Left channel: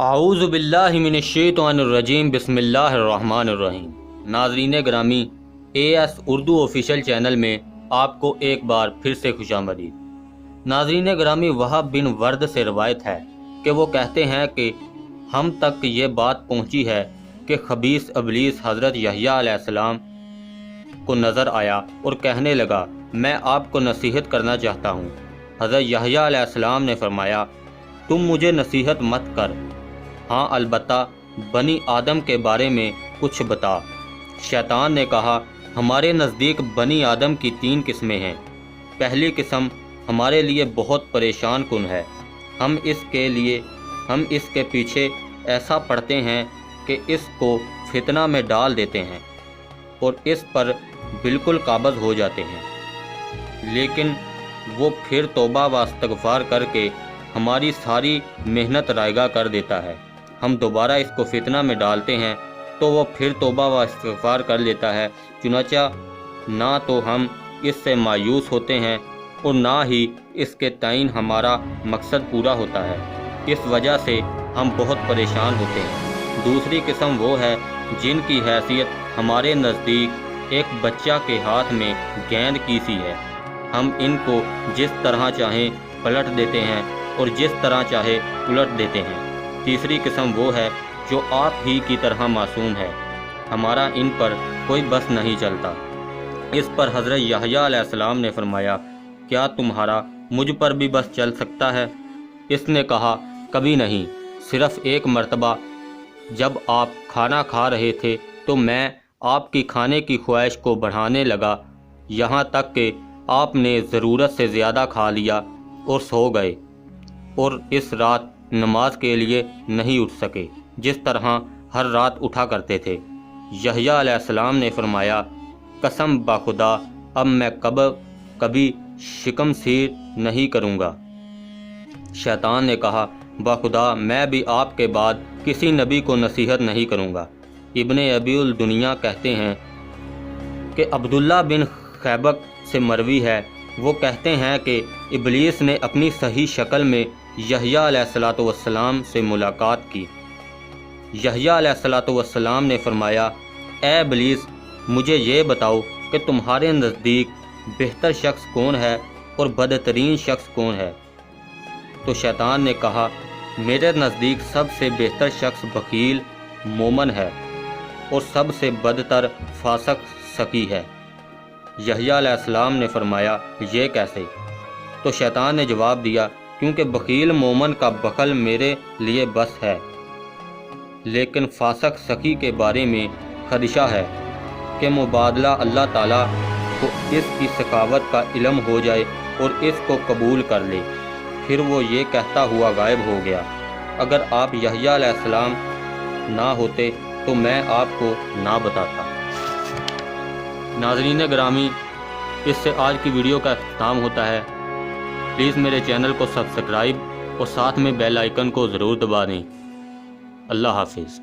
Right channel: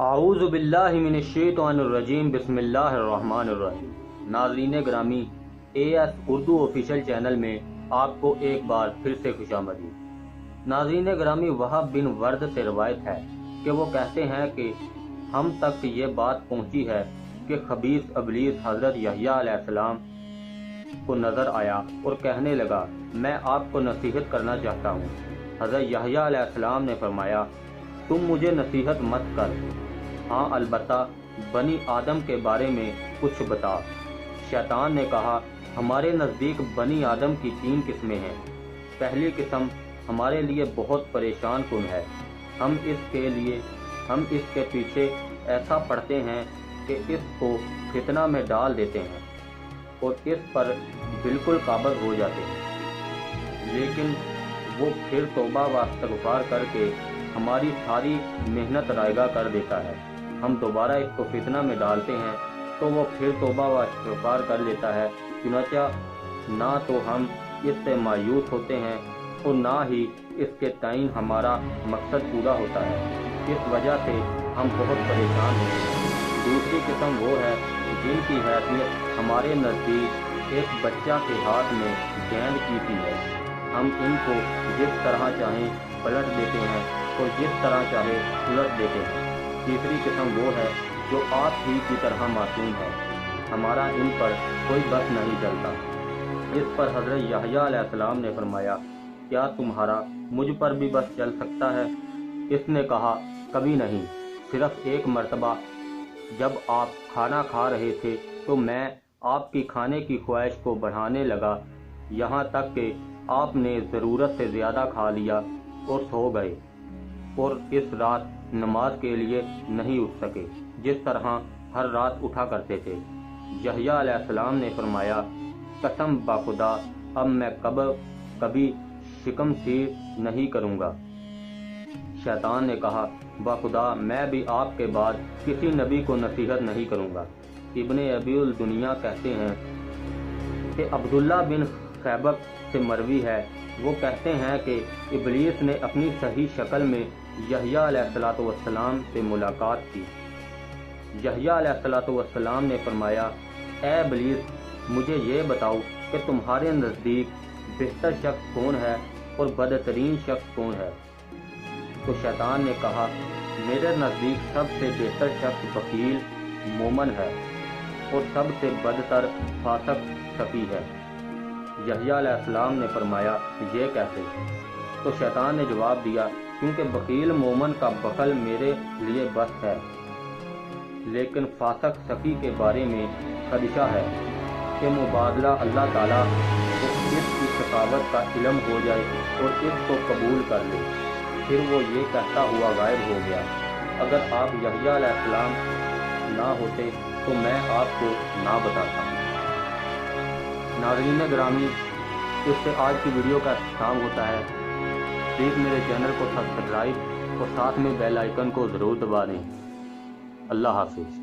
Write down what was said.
اعوذ باللہ من الشیطان الرجیم بسم اللہ الرحمن الرحیم۔ ناظرین گرامی، AS اردو آفیشیل چینل میں آپ کو ایک بار پھر سے خوش آمدید۔ ناظرین گرامی، وہاب بن ورد سے روایت ہے کہ وہ کہتے ہیں کہ ہم تک یہ بات پہنچی ہے کہ خبیث ابلیس حضرت یحییٰ علیہ السلام کو نظر آیا اور کہنے لگا، میں آپ کو نصیحت کرنا چاہتا ہوں۔ حضرت یحییٰ علیہ السلام نے فرمایا، تم مجھے نصیحت مت کر، ہاں البتہ بنی آدم کے بارے میں کچھ بتا۔ شیطان نے کہا، ہمارے نزدیک بنی آدم کی 3 قسمیں ہیں۔ پہلی قسم ہمارے لیے بہت پریشان کن ہے، ہم اس کے پیچھے ایسا پڑتے ہیں کہ اس کو فتنہ میں ڈال دیتے ہیں اور اس پر بالکل قابض ہو جاتے ہیں، لیکن وہ پھر توبہ و استغفار کر کے ہماری ساری محنت رائگاں کر دیتا ہے۔ ہم دوبارہ اس کو فتنہ میں ڈالتے ہیں تو وہ پھر توبہ و استغفار کر لیتا ہے، چنانچہ نہ تو ہم اس سے مایوس ہوتے ہیں اور نہ ہی اس کے تئیں ہمارا مقصد پورا ہوتا ہے۔ اس وجہ سے ہم بہت پریشان ہوتے ہیں۔ دوسری قسم وہ ہے جن کی حیثیت ہمارے نزدیک ایک بچہ کے ہاتھ میں گیند کی سی ہے، ہم ان کو جس طرح چاہیں پلٹ دیتے ہیں اور جس طرح چاہے الٹ دیتے ہیں۔ تیسری قسم وہ ہے جو آپ ہی کی طرح معصوم ہے، ہمارا ان پر کوئی بس نہیں چلتا۔ اس پر حضرت یحییٰ علیہ السلام نے فرمایا، کیا تمہارا مجھ پر بھی بس چل سکتا ہے؟ اس نے کہا، کبھی نہیں، صرف ایک مرتبہ جب آپ کھانا کھا رہے تھے تو میں آپ کی کھانے کی خواہش کو بڑھانے لگا، یہاں تک کہ آپ نے ضرورت سے زیادہ کھا لیا اور سو گئے اور اس رات نماز کے لیے نہیں اٹھ سکے جس طرح ہر رات اٹھا کرتے تھے۔ یحییٰ علیہ السلام نے فرمایا، قسم بخدا اب میں کبھی شکم سیر نہیں کروں گا۔ شیطان نے کہا، بخدا میں بھی آپ کے بعد کسی نبی کو نصیحت نہیں کروں گا۔ ابن ابی الدنیا کہتے ہیں کہ عبداللہ بن خیبق سے مروی ہے، وہ کہتے ہیں کہ ابلیس نے اپنی صحیح شکل میں یحییٰ علیہ السلام سے ملاقات کی۔ یحییٰ علیہ السلام نے فرمایا، اے ابلیس، مجھے یہ بتاؤ کہ تمہارے نزدیک بہتر شخص کون ہے اور بدترین شخص کون ہے؟ تو شیطان نے کہا، میرے نزدیک سب سے بہتر شخص بخیل مومن ہے اور سب سے بدتر فاسق سخی ہے۔ یحییٰ علیہ السلام نے فرمایا، یہ کیسے؟ تو شیطان نے جواب دیا، کیونکہ بخیل مومن کا بخل میرے لیے بس ہے، لیکن فاسق سخی کے بارے میں خدشہ ہے کہ مبادلہ اللہ تعالیٰ کو اس کی سخاوت کا علم ہو جائے اور اس کو قبول کر لے۔ پھر وہ یہ کہتا ہوا غائب ہو گیا، اگر آپ یحییٰ علیہ السلام نہ ہوتے تو میں آپ کو نہ بتاتا۔ ناظرین گرامی، اس سے آج کی ویڈیو کا اختتام ہوتا ہے۔ پلیز میرے چینل کو سبسکرائب اور ساتھ میں بیل آئیکن کو ضرور دبا دیں۔ اللہ حافظ۔